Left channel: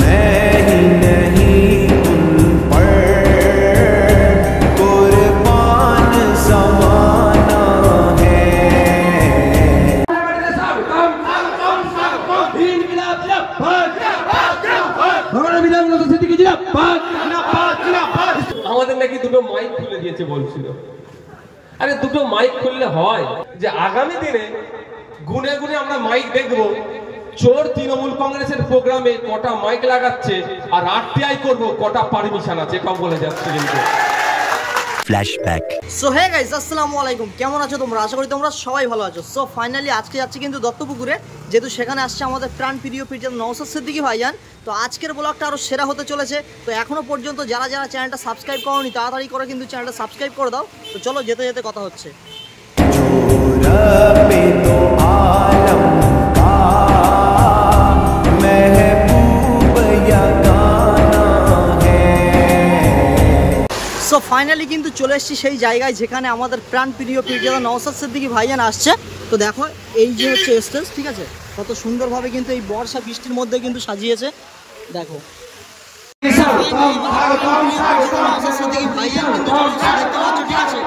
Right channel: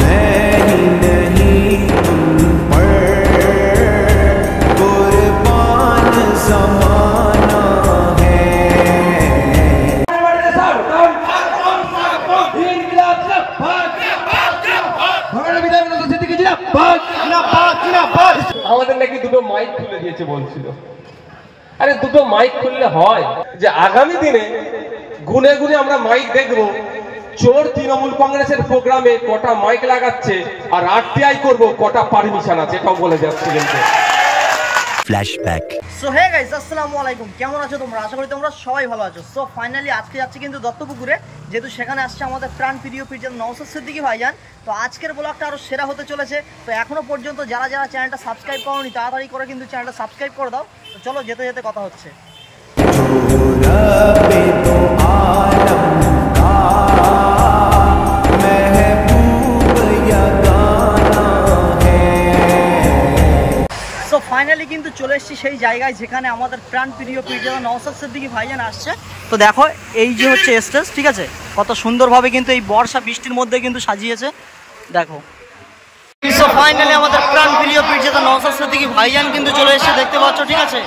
मैं ही नहीं उन पर कुर्बान ज़माना है। আমাদের নাকি দুটো মাইক খুলে দিয়েছে বলছিল। আরে দুটো মাইক খুললে হয় যে আগামী দিনে গুনে গুনে আমরা মাইক দেখবো চোর তৃণমূল কংগ্রেসের প্রোগ্রামে কটা মাইক লাগাচ্ছে আর আরটিআই করব কটা পারমিশন আছে, এটাও বলে যাচ্ছে কিন্তু। ফ্ল্যাশব্যাক। সো হে গাইস, আসসালামু আলাইকুম। কেমন আছো তোমরা? আশা করি তোমরা সবাই ভালো আছো। সো ফাইনালি আজকে যাচ্ছি কিন্তু দত্তপুকুরে, যেহেতু সেখানে আসছে আমাদের প্রাণ প্রিয় পীরজাদা নওশাদ সিদ্দিকী ভাইজান। তো আজকের ব্লগটা আরও সেরা হতে চলেছে। তো এখনো পর্যন্ত যারা যারা চ্যানেলটা সাবস্ক্রাইব করোনি তাড়াতাড়ি করে কিন্তু চ্যানেলটা সাবস্ক্রাইব করে দাও। তো চলো যেতে যেতে কথা হচ্ছে। সো ফাইনালি কিন্তু চলে এসেছি সেই জায়গায় যেখানে আমাদের প্রাণ প্রিয় পীরজাদা নওশাদ সিদ্দিকী ভাইজান আসছে। তো দেখো এই যে হচ্ছে স্টেজ, ঠিক আছে, কত সুন্দরভাবে কিন্তু এই বর্ষা বৃষ্টির মধ্যে কিন্তু সাজিয়েছে, দেখো। সো ফাইনালি আমাদের প্রাণ প্রিয় পীরজাদা নওশাদ সিদ্দিকী ভাইজান কিন্তু চলে এসেছে, দেখতে পাচ্ছ, ঠিক আছে।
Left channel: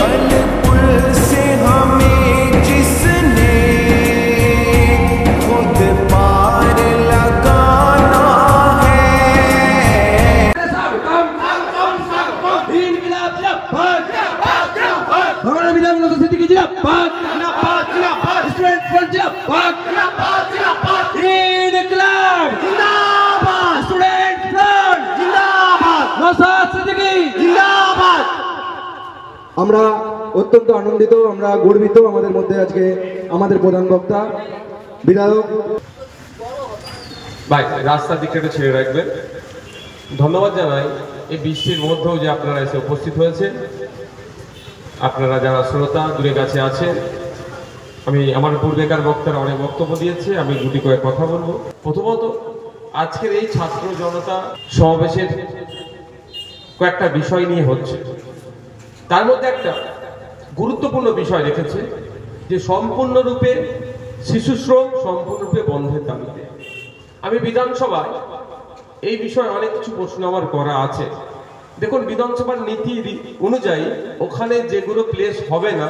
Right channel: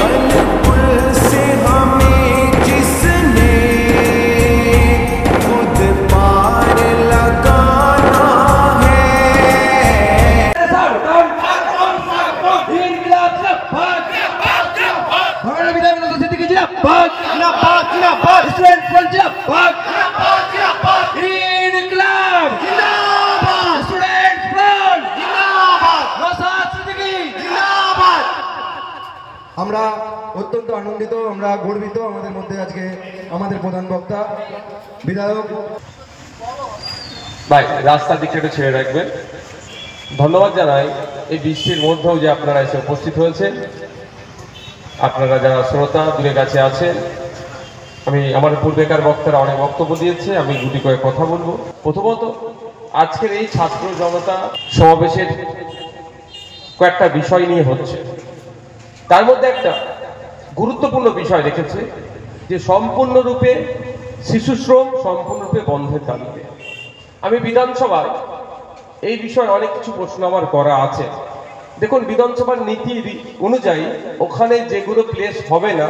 कल पुल से हमें जिसने खुद पार लगाना है। আমরা অত্যন্ত আনন্দিত, আমরা গর্বিত। আমাদের মধ্যে আজকে আমাদের প্রধান বক্তা বিধায়ক ভাই, রাস্তার দিকটা একটু ছেড়ে রাখবেন। ধন্যবাদ জানাই এই বৃষ্টির মধ্যেও যে আপনারা এসে উপস্থিত হয়েছে, আপনারা যারা শ্রোতা দূরে কাছে আছেন। আমি আমার পূর্বেকার বক্তারা অনেক বক্তব্য দিয়েছে, আমি দুটি করে কথা বলবো। প্রথমত, আজকের এই ছাত্র জনতা সমাবেশের কয়েকটা বিষয় নিয়ে হচ্ছে, তার মধ্যে একটা গুরুত্বপূর্ণ বিষয় রেখেছে যে সম্পূর্ণরূপে শিশু শ্রম সম্পূর্ণরূপে বন্ধের দাবিতে। আমি বিধানসভায় এই বিষয়ে অনেক কিছু প্রশ্ন আমার করা আছে। দেখুন, বিধানসভার নীতি অনুযায়ী ওখানে যেগুলো প্লেস হবে না,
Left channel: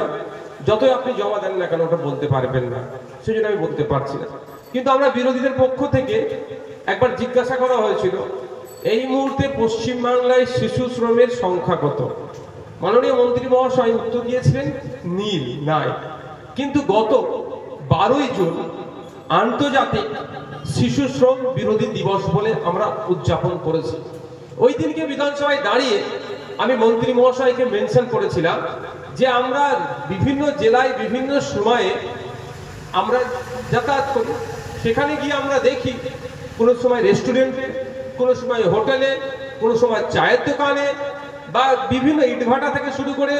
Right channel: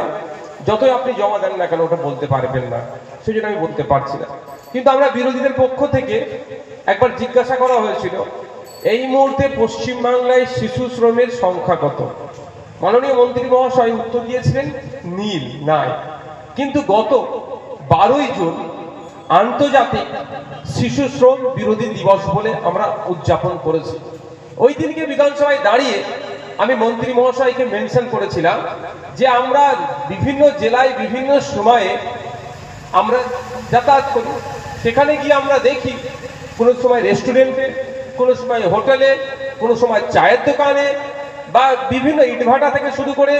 যতই আপনি জমা দেন না কেন ওটা বলতে পারবেন না, সেই জন্য আমি বলতে পারছি না। কিন্তু আমরা বিরোধীদের পক্ষ থেকে একবার জিজ্ঞাসা করা হয়েছিল এই মুহূর্তে পশ্চিমবাংলায় শিশু শ্রমের সংখ্যা কত। মাননীয় মন্ত্রী মহাশয় উত্তর দিয়েছিলেন নীল, নাই। কিন্তু গত 12ই জুন আন্তর্জাতিক শিশু শ্রম বিরোধী দিবস বলে আমরা উদযাপন করেছি। ওই দিনকে বিধানসভায় দাঁড়িয়ে আমি মন্ত্রী মহাশয়কে মেনশন করেছিলাম যে আমরা বিভিন্ন জেলায় বিভিন্ন সময়ে আমরা যাতায়াত করি, সেখানে গিয়ে আমরা দেখি কোনো সময় রেস্টুরেন্টে, কোনো সময় হোটেলে, কোনো সময় চায়ের দোকানে বা বিভিন্ন ইটভাটা থেকে শুরু করে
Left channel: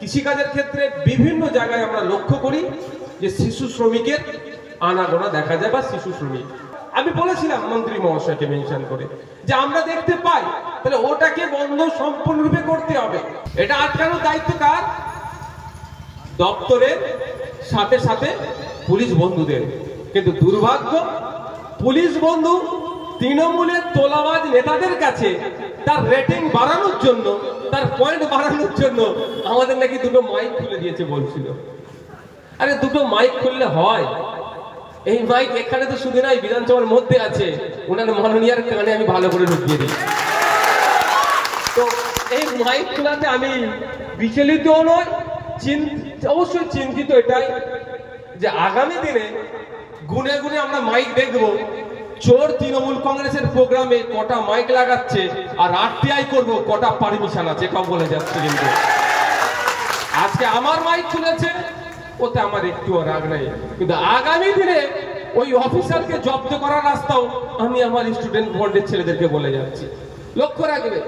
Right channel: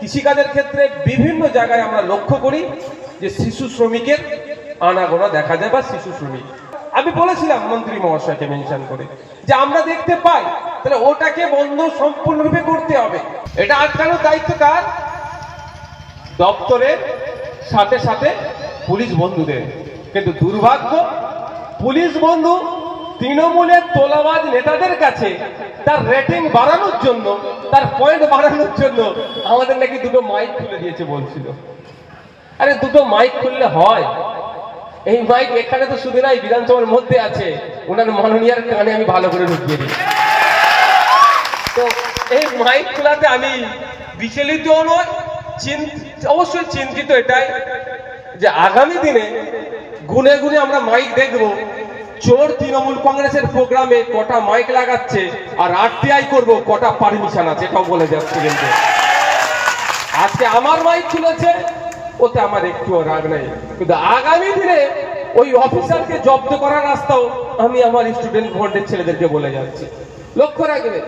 কৃষিকাজের ক্ষেত্রে বিভিন্ন জায়গায় আমরা লক্ষ্য করি যে শিশু শ্রমিকের আনাগোনা দেখা যায় বা শিশু শ্রমিক। আমি বলেছিলাম মন্ত্রী মহাশয়কে মেনশন করে যে আমরা দেখতে পাই, তাহলে ওটাকে বন্ধ সম্পূর্ণরূপে করতে হবে। এটা আটকানোর দায়িত্ব কার? দপ্তরের সাথে সাথে পুলিশ বন্ধুদের। কিন্তু দুর্ভাগ্য, পুলিশ বন্ধু তৃণমূলের তোলাবাজ নেতাদের কাছে তার রেটিং বাড়ানোর জন্য, তার পয়েন্ট বাড়ানোর জন্য আমাদের নাকি দুটো মাইক খুলে দিয়েছে বলছিল। আরে দুটো মাইক খুললে হয়? এই মাইক এখানে তো শুধু নাই, বিধানসভার মধ্যে আছে, ওনার মাননীয়ার কানে আমি ভালো করে ঢুকিয়ে দিই। তো এই মাইক খোলাতে আমি বিচলিত নয়, অবশ্যই চিন্তিত এটাই যে আগামী দিনে গুনে গুনে আমরা মাইক দেখবো চোর তৃণমূল কংগ্রেসের প্রোগ্রামে কটা মাইক লাগাচ্ছে আর আরটিআই করব কটা পারমিশন আছে, এটাও বলে যাচ্ছে। কিন্তু আজকে আমার মাইক খুলেছে, ওতে আমার একটুও রাগ নাই, কিন্তু আগামী দিনে ওই অফিসারকে জব্দ করার রাস্তাও আমি আমার স্টুডেন্ট ভোটের ছেলেদেরকে বলে যাচ্ছি। লক্ষ্য রাখবে,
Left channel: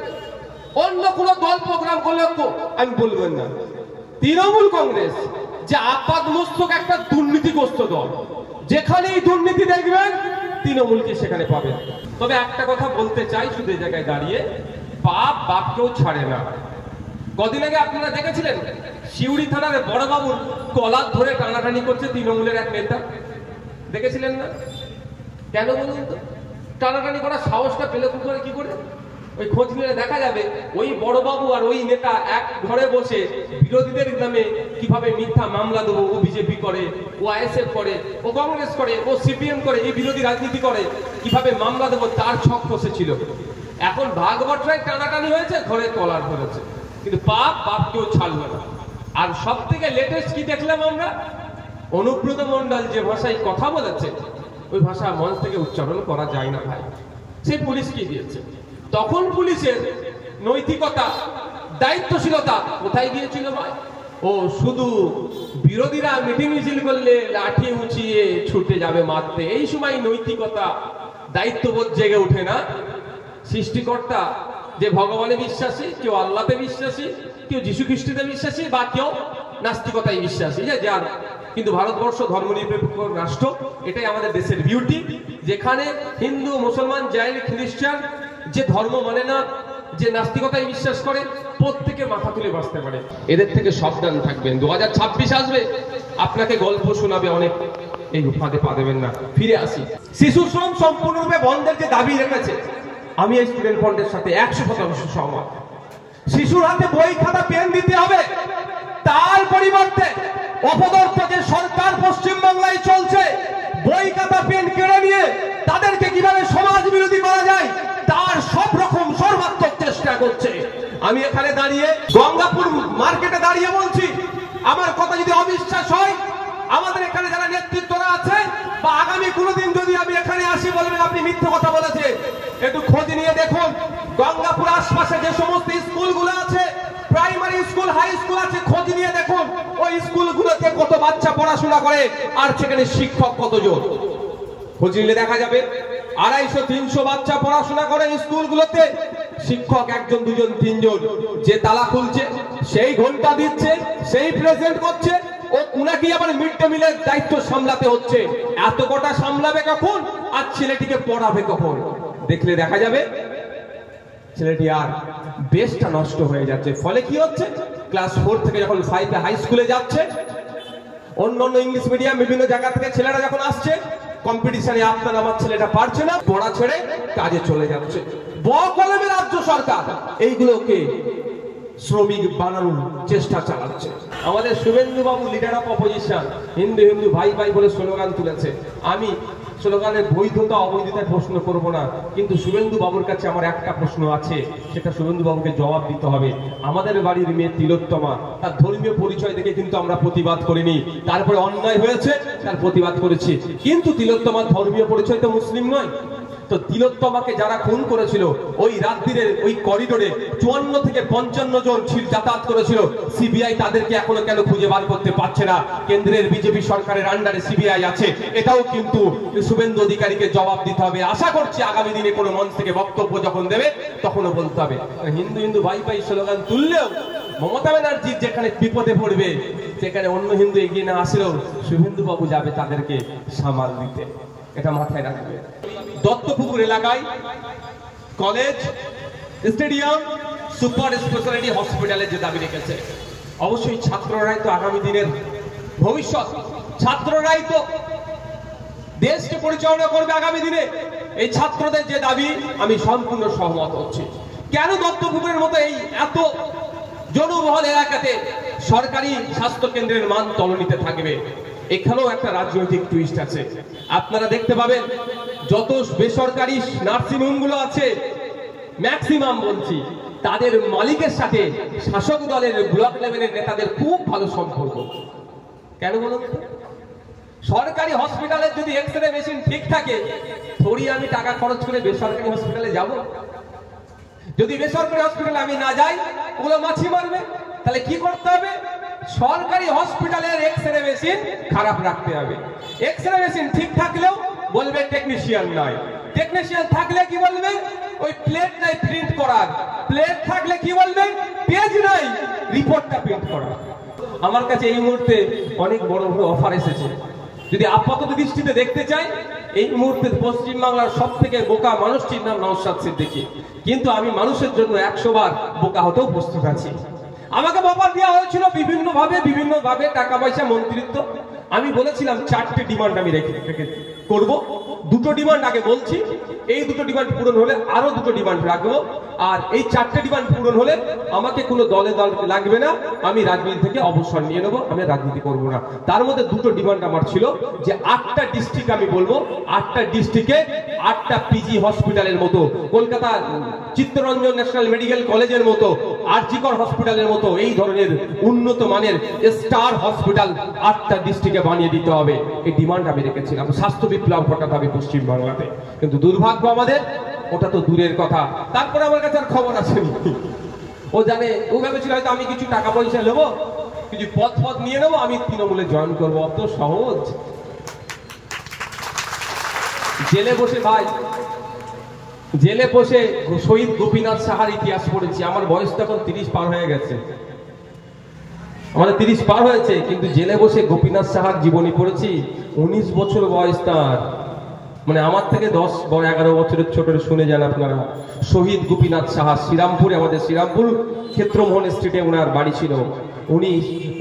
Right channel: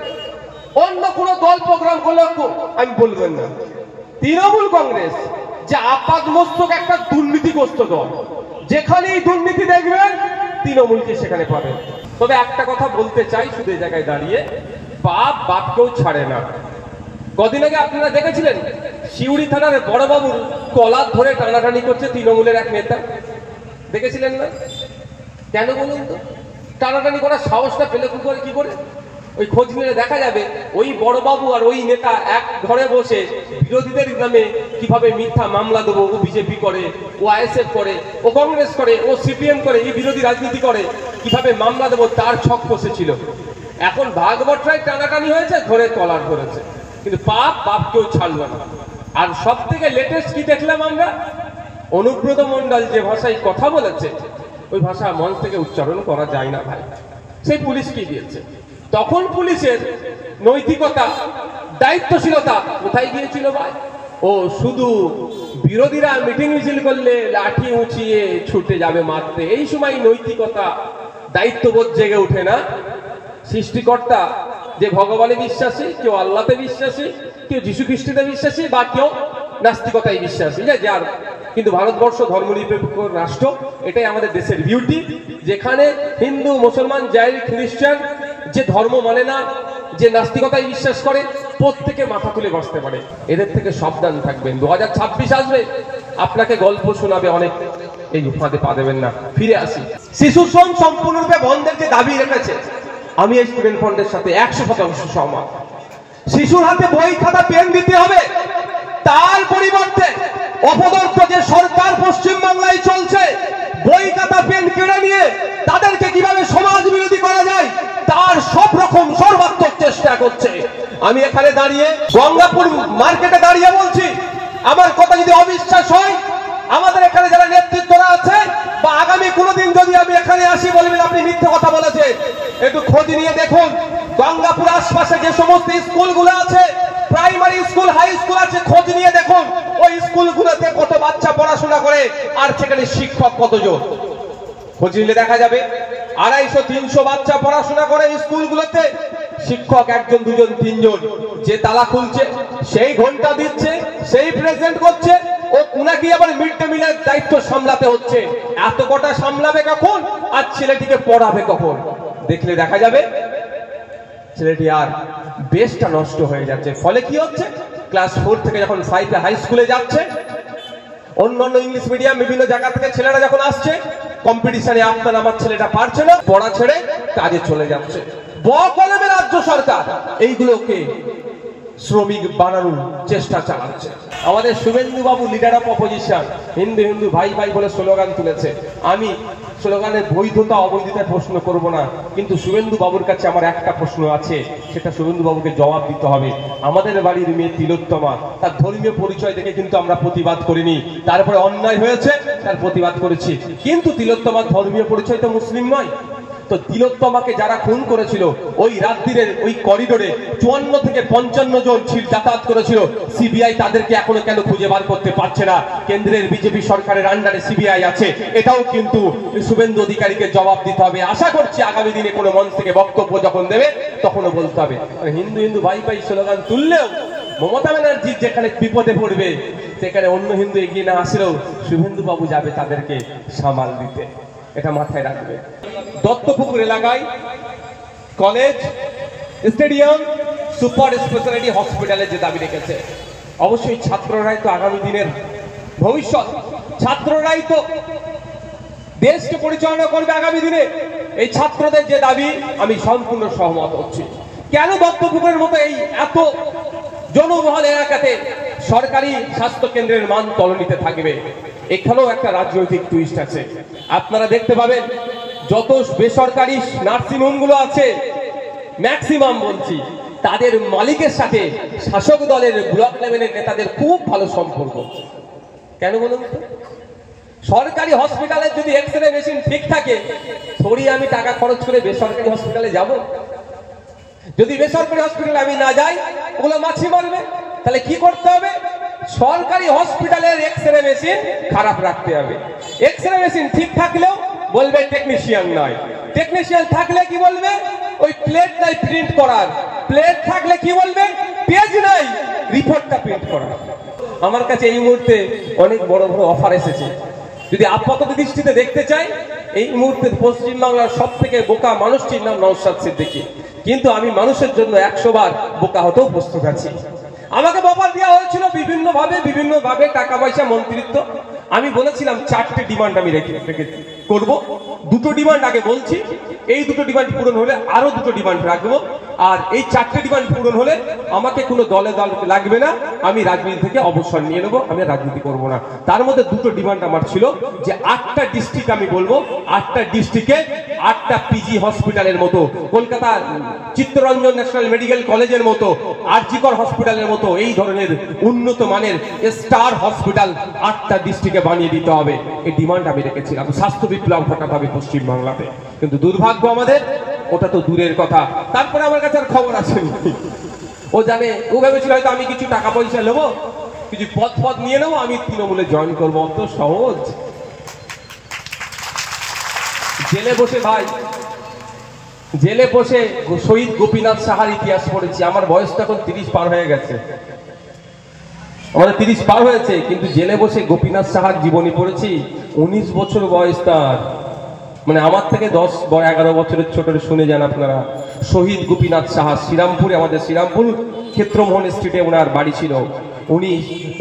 অন্য কোনো দল প্রোগ্রাম করলে আমি বলবেন না, তৃণমূল কংগ্রেস যে আপাতমস্তক একটা দুর্নীতিগ্রস্ত দল, যেখানেই দুর্নীতি দেখবেন তৃণমূলকে সেখানে পাবেন। তবে একটা কথা বলতে চাই শুধু এই জায়গায় দাঁড়িয়ে, বাপ বাপকেও ছাড়ে না। কদিন আগে আপনারা দেখেছিলেন শিউড়ি থানার বড়বাবুর কলার ধরে টানাটানি করছে তৃণমূলের এক নেতা, দেখেছিলেন না? কেন বলুন তো? টানাটানি করার সাহসটা পেলে কি করে? ওই খোঁজ নিলে দেখা যাবে ওই বড়বাবু আর ওই নেতা এক ঘরে বসে বিরোধীদের নামে কিভাবে মিথ্যা মামলা দেবো, ও বিজেপি করে, ও আইএসএফ করে, ও কংগ্রেস করে, ও সিপিএম করে, এই বিরোধী রাজনীতি করে, কিভাবে মামলা দেবো তার ছক কষেছিল। এখন ভাগবটরায় টানাটানি হয়েছে, ধরে কলার ধরেছে, কিন্তু বাপ কেউ ছাড়ল না। আর সব থেকে লেটেস্ট কি দেখলাম আমরা, অনুব্রত মণ্ডল যে ভাষায় কথা বলেছে ওই ভাষা মঞ্চ থেকে উচ্চারণ করা যায় না ভাই, সেই পুলিশ কি দিয়েছে। তখন পুলিশের নৈতিকতা, দায়িত্বশীলতা কোথায় গিয়েছিল ভাই? ও শুধু বিরোধীরা মিটিং মিছিল করলে লাঠি উঁচিয়ে ছুটে যাবে মারতে, এই সময় নৈতিকতা, দায়িত্ববোধ জেগে ওঠে না। সৃষ্টিকর্তা যে ভগবানে বিশ্বাসী, কেউ আল্লাহতে বিশ্বাসী, কেউ যীশু খ্রিস্টতে বিশ্বাসী, বা কেউ নাস্তিকতায় বিশ্বাসী, যার। কিন্তু ভারতবর্ষ ধর্মনিরপেক্ষ রাষ্ট্র, এটাই আমাদের দেশের বিউটি, যেখানে হিন্দু, মুসলমান, জৈন, খ্রিস্টান যে ধর্ম মানে না, যে নাস্তিকতায় বিশ্বাস করে, প্রত্যেকে মাথা তুলে বাঁচতে পারে। এদের থেকে সাবধান থাকবেন। 2026 আসবে, আপনাকে গল্প শোনাবে অনেক, এই উপাধে পা দেবেন না। ফিরে আসি, শিশু শ্রম সম্পূর্ণরূপে বন্ধের যে দাবি রেখেছে, আমি এই স্টুডেন্ট ফ্রন্টের সাথে 100% সহমত। শিশুর হাতে বই খাতা পেন দিতে হবে, তার পরিবর্তে অপদার্থ যে সরকার পশ্চিমবাংলায় চলছে, বই খাতা পেন কেড়ে নিয়ে তাদেরকে কিভাবে সমাজ বিরোধী করা যায় তার সব রকম সর্বাত্মক চেষ্টা করছে। আমি এখানে দাঁড়িয়ে গঙ্গাপুর মার্কেটে দাঁড়িয়ে বলছি, আমার কথা যদি অবিশ্বাস হয়, আমাদের এখানে যারা নেতৃত্বরা আছে, বা আগামী কোনোদিন যদি আমি এখানে আসি বলবেন আপনি মিথ্যে কথা বলেছেন, একটু খোঁজ নিয়ে দেখুন গঙ্গাপুর আশপাশে যে সমস্ত স্কুলগুলো আছে, প্রাইমারি স্কুল, হাই স্কুল আছে, খোঁজ নিয়ে দেখুন ওই স্কুলগুলোতে কত বাচ্চা পড়াশোনা করে আর সেখানে শিক্ষক কতজন। খোঁজ নিলে দেখা যাবে 250-300 বাচ্চা পড়াশোনা করে স্কুলগুলোতে, শিক্ষক 1জন 2জন 3জন। যে তালা খুলছে, সেই ঘন্টা দিচ্ছে, সেই প্রেজেন্ট করছে, ও উনাকে আবার মিড ডে মিলের দায়িত্ব সামলাতে হচ্ছে। এত কটা সামলাবে কখন আর ছেলেটিকে পড়াবে কখন? দেখলে দেখা যাবে ছেলেটি আর বেসটা নষ্ট হয়ে যাচ্ছে। ফলে কি হচ্ছে, ক্লাস 4 থেকে যখন 5-এ হাই স্কুলে যাচ্ছে, অন্যান্য ইংলিশ মিডিয়াম বিভিন্ন জায়গা থেকে ছেলেরা যখন আসছে, কম্পিটিশনে আপনার আমার ছেলেটা পারছে না, পড়া ছেড়ে কাজে চলে যাচ্ছে। বকলমে রাজ্য সরকার এইগুলোকে শ্রমিক বানানোর চেষ্টা চালাচ্ছে। আমাদের শুভেন্দু বাবু leader of opposition, Hindu Hindu ভাই ভাই বলে স্লোগান তুলেছে। আমি স্লোগানের বৈধতা অবৈধতার প্রশ্ন করব না, কিন্তু শুভেন্দু বাবুর কাছে আমার একটা প্রশ্ন আছে, সেটা শুভেন্দু বাবুকে জবাব দিতে হবে। আমাদের বাড়ির মেয়ে তিলোত্তমা, তার ধর্মীয় পরিচয় দেখে কিন্তু আমরা প্রতিবাদ করিনি, তারপরে অন্যায় হয়েছে তার প্রতিবাদ করেছি, কিন্তু তিলোত্তমার ধর্মীয় পরিচয় তো মুসলিম নয়। তো তিলোত্তমাকে যারা খুন করেছিল, ওই রাত্রিরের ওই করিডোরে 54 থেকে 55 জন যাতায়াত করেছিল, সিবিআই তাদেরকে এখনো কেন খুঁজে বার করতে পারছে না? কেন্দ্রের বিজেপি সরকারের আন্ডারে সিবিআই আছে, এটাও কিন্তু শুভেন্দু অধিকারীকে জবাব দিতে হবে। আশা করছি আগামী দিনে কোনো মঞ্চ থেকে বক্তব্য যখন দেবে তখনও বলতে হবে। হিন্দু হিন্দু ভাই ভাই স্লোগান তুললেও মমতা ব্যানার্জি যেখানে বিপদে পড়বে, সেখানে অন্য হিন্দু এগিয়ে না আসলেও শুভেন্দু বাবু যাবে তাদেরকে সামাল দিতে, এটা মাথায় রাখবে। দত্তপুকুর এলাকায় কলেজ, স্টেডিয়াম, সুপার স্পেশালিটি হসপিটালের যে দাবি রেখেছে, অবশ্যই ছাত্ররাই তো আগামী দিনের ভবিষ্যৎ, ছাত্ররাই তো দেশকে পরিচালনা করবে আগামী দিনে। এই ছাত্রদের যে দাবি আমি সম্পূর্ণ সহমত হচ্ছি। কেন দত্তপুকুরের মতো এই এত জনবহুল এলাকাতে সরকারি স্বাস্থ্য কেন্দ্রের মান তলানিতে থাকবে? এখানেও একটা রাজনৈতিক টুইস্ট আছে। আপনারা দেখতে পাবেন যত বেসরকারি নার্সিংহোমগুলো আছে, ম্যাক্সিমাম বলছি, তাদের মালিকের সাথে শাসক দলের ব্লক লেভেলের নেতাদের খুব ভালো সম্পর্ক। কেন বলুন? সরকারি হসপিটালের যদি এক্সরে মেশিন ঠিক থাকে, থোড়ি আমি টাকা খরচ করে বেসরকারি হসপিটালে যাব? যদি বেসরকারি হসপিটালে আমি না যাই, ওগুলো মাছি মারবে। তাহলে কি করতে হবে? সরকারি হসপিটালের এক্সরে মেশিন খারাপ রাখতে হবে। এক্সরে মেশিন ঠিক থাকলেও বলবে টেকনিশিয়ান নয়, টেকনিশিয়ান থাকলে কি বলবে? ওই প্লেট নাই প্রিন্ট করার, প্লেট থাকলে কি বলবে? পেজ নাই, রিপোর্টটা প্রিন্ট করার। আমার কাছে এই মুহূর্তে অনেক বড় বড় অফার এসেছে। যদি আপাতত দৃষ্টিতে দেখতে চাই, এই মুহূর্তে পশ্চিমবাংলার সব থেকে বোকা মানুষটির নাম নওশাদ সিদ্দিকী, কিন্তু আমি মানুষের জন্য 100 বার বোকা হতেও প্রস্তুত আছি। আমাকে অফার দেওয়া হয়েছিল বিভিন্নভাবে টাকা পয়সা, মন্ত্রিত্ব। আমি বলেছিলাম 4টে ডিমান্ড আমি রেখে করব। 2টো ডিমান্ড আগে বলছি, এই 2টো ডিমান্ড পূরণ হলে আরো 2টো ডিমান্ড রাখবো। আর এই 4টে ডিমান্ড পূরণ হলে আমাকে কোনো দলে লাগবে না, আমি রাজনীতি থেকে অবসর নিয়ে নেবো, আমি রাজনীতি করব না। তার মধ্যে 2টো ডিমান্ড আমার ছিল যে 8টা ডিস্ট্রিক্ট আমি বলবো, 8টা ডিস্ট্রিক্টে 8টা পিজি হসপিটালের মতো, কলকাতা চিত্তরঞ্জন ন্যাশনাল মেডিকেল কলেজের মতো, আরজিকর হসপিটালের মতো এই ধরনের উন্নত মানের স্টার হসপিটাল 8টা ডিস্ট্রিক্টে বানিয়ে দিতে হবে। এই ডিমান্ড আমি রেখেছিলাম, স্বাস্থ্য বিপ্লব ঘটাতে হবে পশ্চিমবাংলাতে। কিন্তু দুর্ভাগ্য আমাদের, ওটা তো দূরের কথা। তারপরে আমার কাছে আর খবর আসেনি। ও জানে, ও ভেবেছিল হয়তো আমি কিছু টাকা পয়সা নেবো, কিছু পদ নিয়ে নেবো, আমি তৃণমূলে জয়েন করবো। অত সহজ? জেলে বসে ভাই, জেলে বসে শহীদ গোপীনাথ সাহার ইতিহাস পড়েছি। আমার বয়স তো এখন 30 পার হয়ে গেছে, আমাদের 30 পার হয়েছে, কিন্তু জেলে বসে গোপীনাথ সাহার জীবনী পড়েছি। 19 বছর বয়স তার, মানে আমার থেকে 10-11 বছরের ছোট। শুনে যান আপনারা। শহীদ গোপীনাথ সাহা, শ্রীরামপুরে, আমাদের শ্রীরামপুর ক্ষেত্রমোহন স্ট্রিটে ওনার বাড়ি ছিল।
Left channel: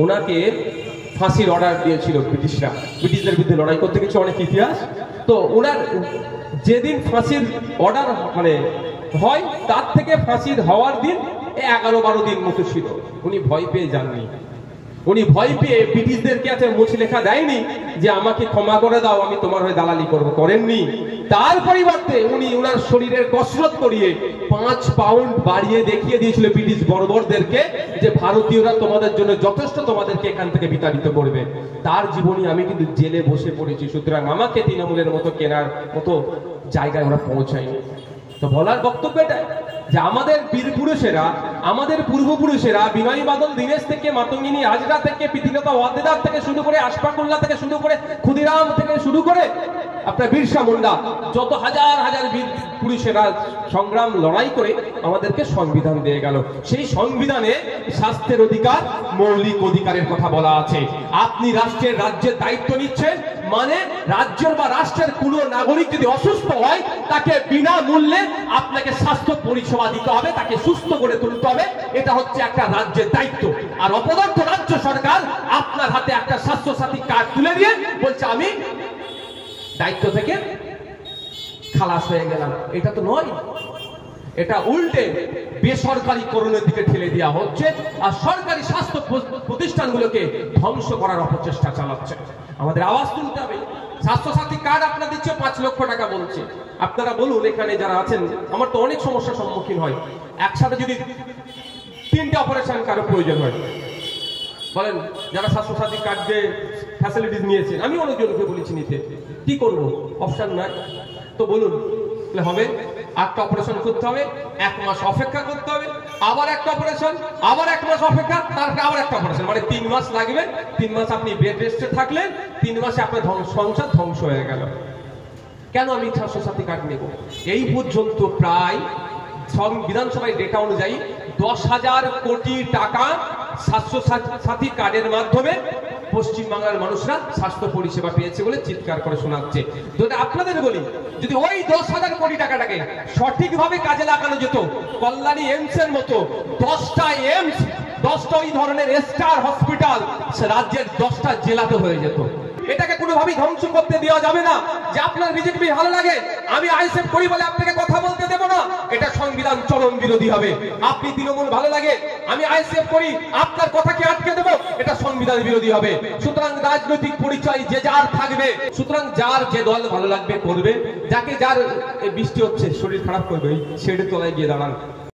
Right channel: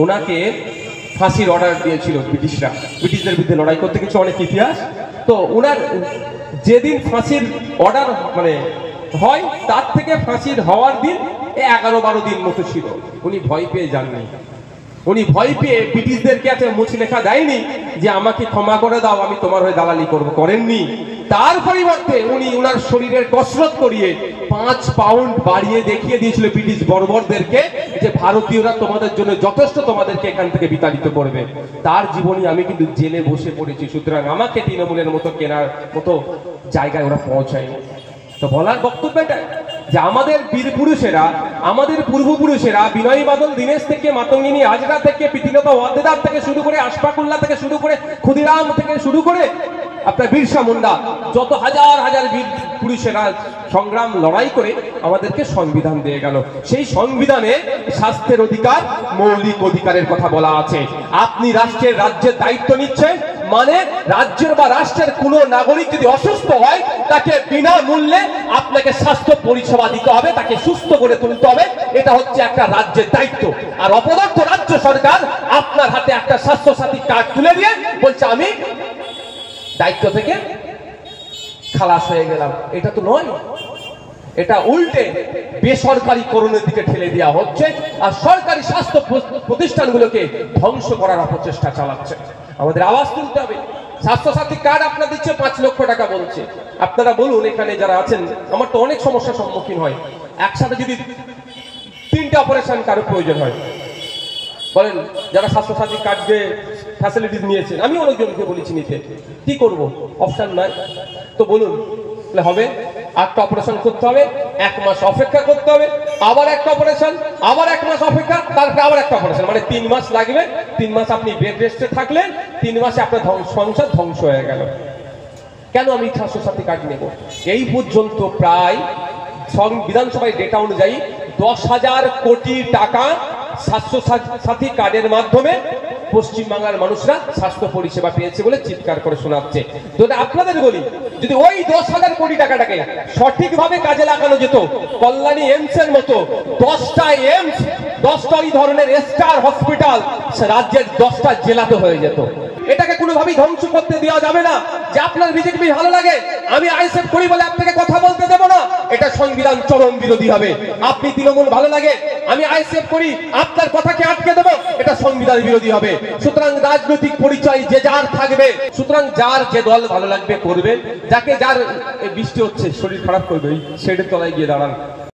ওনাকে ফাঁসির অর্ডার দিয়েছিল ব্রিটিশরা, ব্রিটিশদের বিরুদ্ধে লড়াই করতে কিছু অনেক ইতিহাস। তো ওনার যেদিন ফাঁসির অর্ডার মানে হয়, তার থেকে ফাঁসির হওয়ার দিন 11-12 দিন মতো ছিল। উনি ভয় পেয়ে যাননি, উনি ভয় পেয়ে ব্রিটিশদেরকে আছে মুচলেখা দেয়নি যে আমাকে ক্ষমা করে দাও, আমি তোমার হয়ে দালালি করবো, করেননি। তার পরিবর্তে উনি ওনার শরীরের কসরত করিয়ে 5 পাউন্ড বাড়িয়ে দেখিয়ে দিয়েছিল ব্রিটিশ বর্বরদেরকে যে ভারতীয়রা তোমাদের জন্য যথেষ্ট, তোমাদেরকে এখান থেকে বিতাড়িত করবে। তার জীবনী আমি কিন্তু জেলে বসে পড়েছি। সুতরাং আমাকে তৃণমূলের মতো কেনার মতো জায়গায় ওরা পৌঁছায়নি। তো বলার বক্তব্য এটাই যে আমাদের বীর পুরুষেরা, আমাদের পূর্বপুরুষেরা বিনয় বাদল দীনেশ থেকে, মাতঙ্গিনী হাজরা থেকে, প্রীতিলতা ওয়াদ্দেদার থেকে শুরু করে, আশফাকুল্লাহ থেকে শুরু করে, ক্ষুদিরাম থেকে শুরু করে আপনার বিরসা মুন্ডা, যত হাজার হাজার বীর পুরুষেরা সংগ্রাম লড়াই করে আমাদেরকে সংবিধান দিয়ে গেল। সেই সংবিধানে স্বাস্থ্যের অধিকার, মৌলিক অধিকারের কথা বলা আছে। আপনি রাজ্যের দায়িত্ব নিচ্ছেন, মানে রাজ্যের বা রাষ্ট্রের কোনো নাগরিক যদি অসুস্থ হয়, তাকে বিনামূল্যে আপনাকে স্বাস্থ্য পরিষেবা দিতে হবে, তাকে সুস্থ করে তুলতে হবে। এটা হচ্ছে একটা রাজ্যের দায়িত্ব। আর অপদার্থ রাজ্য সরকার আপনার হাতে একটা স্বাস্থ্যসাথী কার্ড তুলে দিয়ে বলছে আমি দায়িত্ব থেকে খালাস হয়ে গেলাম। এটা তো নয়, এটা উল্টে বেসরকারি করণের দিকে ঠেলে দেওয়া হচ্ছে, আর সরকারি স্বাস্থ্য প্রতিষ্ঠানগুলোকে ধ্বংস করার অপচেষ্টা চালাচ্ছে। আমাদের আওয়াজ তুলতে হবে। স্বাস্থ্যসাথী কার্ড আপনারা দিচ্ছে 5 লক্ষ টাকা বলছে। আপনারা বলুন, এখানে যারা আছেন, আমার তো অনেক সমস্যার সম্মুখীন হয়। একসাথে যদি 3টে অপারেশন কারো প্রয়োজন হয়, বলেন যারা স্বাস্থ্যসাথী কার্ড দিয়ে ফ্যাসিলিটিস নিয়েছেন, আমি অনেকজনকে বলেছি নিতে, কি করব? অপশন নাই। তো বলুন হবে 8টা অপারেশন করতে হবে, 1 মাস অপেক্ষা করতে হবে, আবার একটা অপারেশন, আবার 1 মাস অপেক্ষা, তারপরে আবার একটা অপারেশন, মানে 3 মাস লাগবে। 3 মাস আপনি বেড রেস্টে থাকলেন, 3 মাসে আপনার সংসার ধ্বংস হয়ে গেল। কেন আমি স্বাস্থ্যসাথী কার্ড নেব? এই পর্যন্ত প্রায় বিধানসভায় ডেটা অনুযায়ী 10,000 কোটি টাকা স্বাস্থ্যসাথী কার্ডের মাধ্যমে পশ্চিমবাংলার মানুষরা স্বাস্থ্য পরিষেবা পেয়েছে বলে চিৎকার করে শোনাচ্ছে। যদি আপনাদের বলি, যদি ওই 10,000 কোটি টাকাটাকে সঠিকভাবে কাজে লাগানো যেত, কল্যাণী এইমস এর মতো 10টা এইমস, 10টা ওই ধরনের স্টার হসপিটাল রাজ্যের 10টা জেলাতে হয়ে যেত। এটাকে কোনোভাবেই ধ্বংস করতে দেওয়া যাবে না। যে আপনার বিজেপি ভালো লাগে, আমি আইএসএফ করি বলে আপনাকে কথা বলতে দেব না, এটা সংবিধান চরম বিরোধী হবে। আপনি তৃণমূল ভালো লাগে, আমি আইএসএফ করি, আপনার কথাকে আটকে দেব, এটা সংবিধান বিরোধী হবে। সুতরাং রাজনৈতিক পরিচয় যে যার থাকবে, সুতরাং যার যে দল ভালো লাগবে করবেন, যাকে যার বৃষ্টি হচ্ছে শরীর খারাপ করবে, শেডের তলায় গিয়ে দাঁড়ান।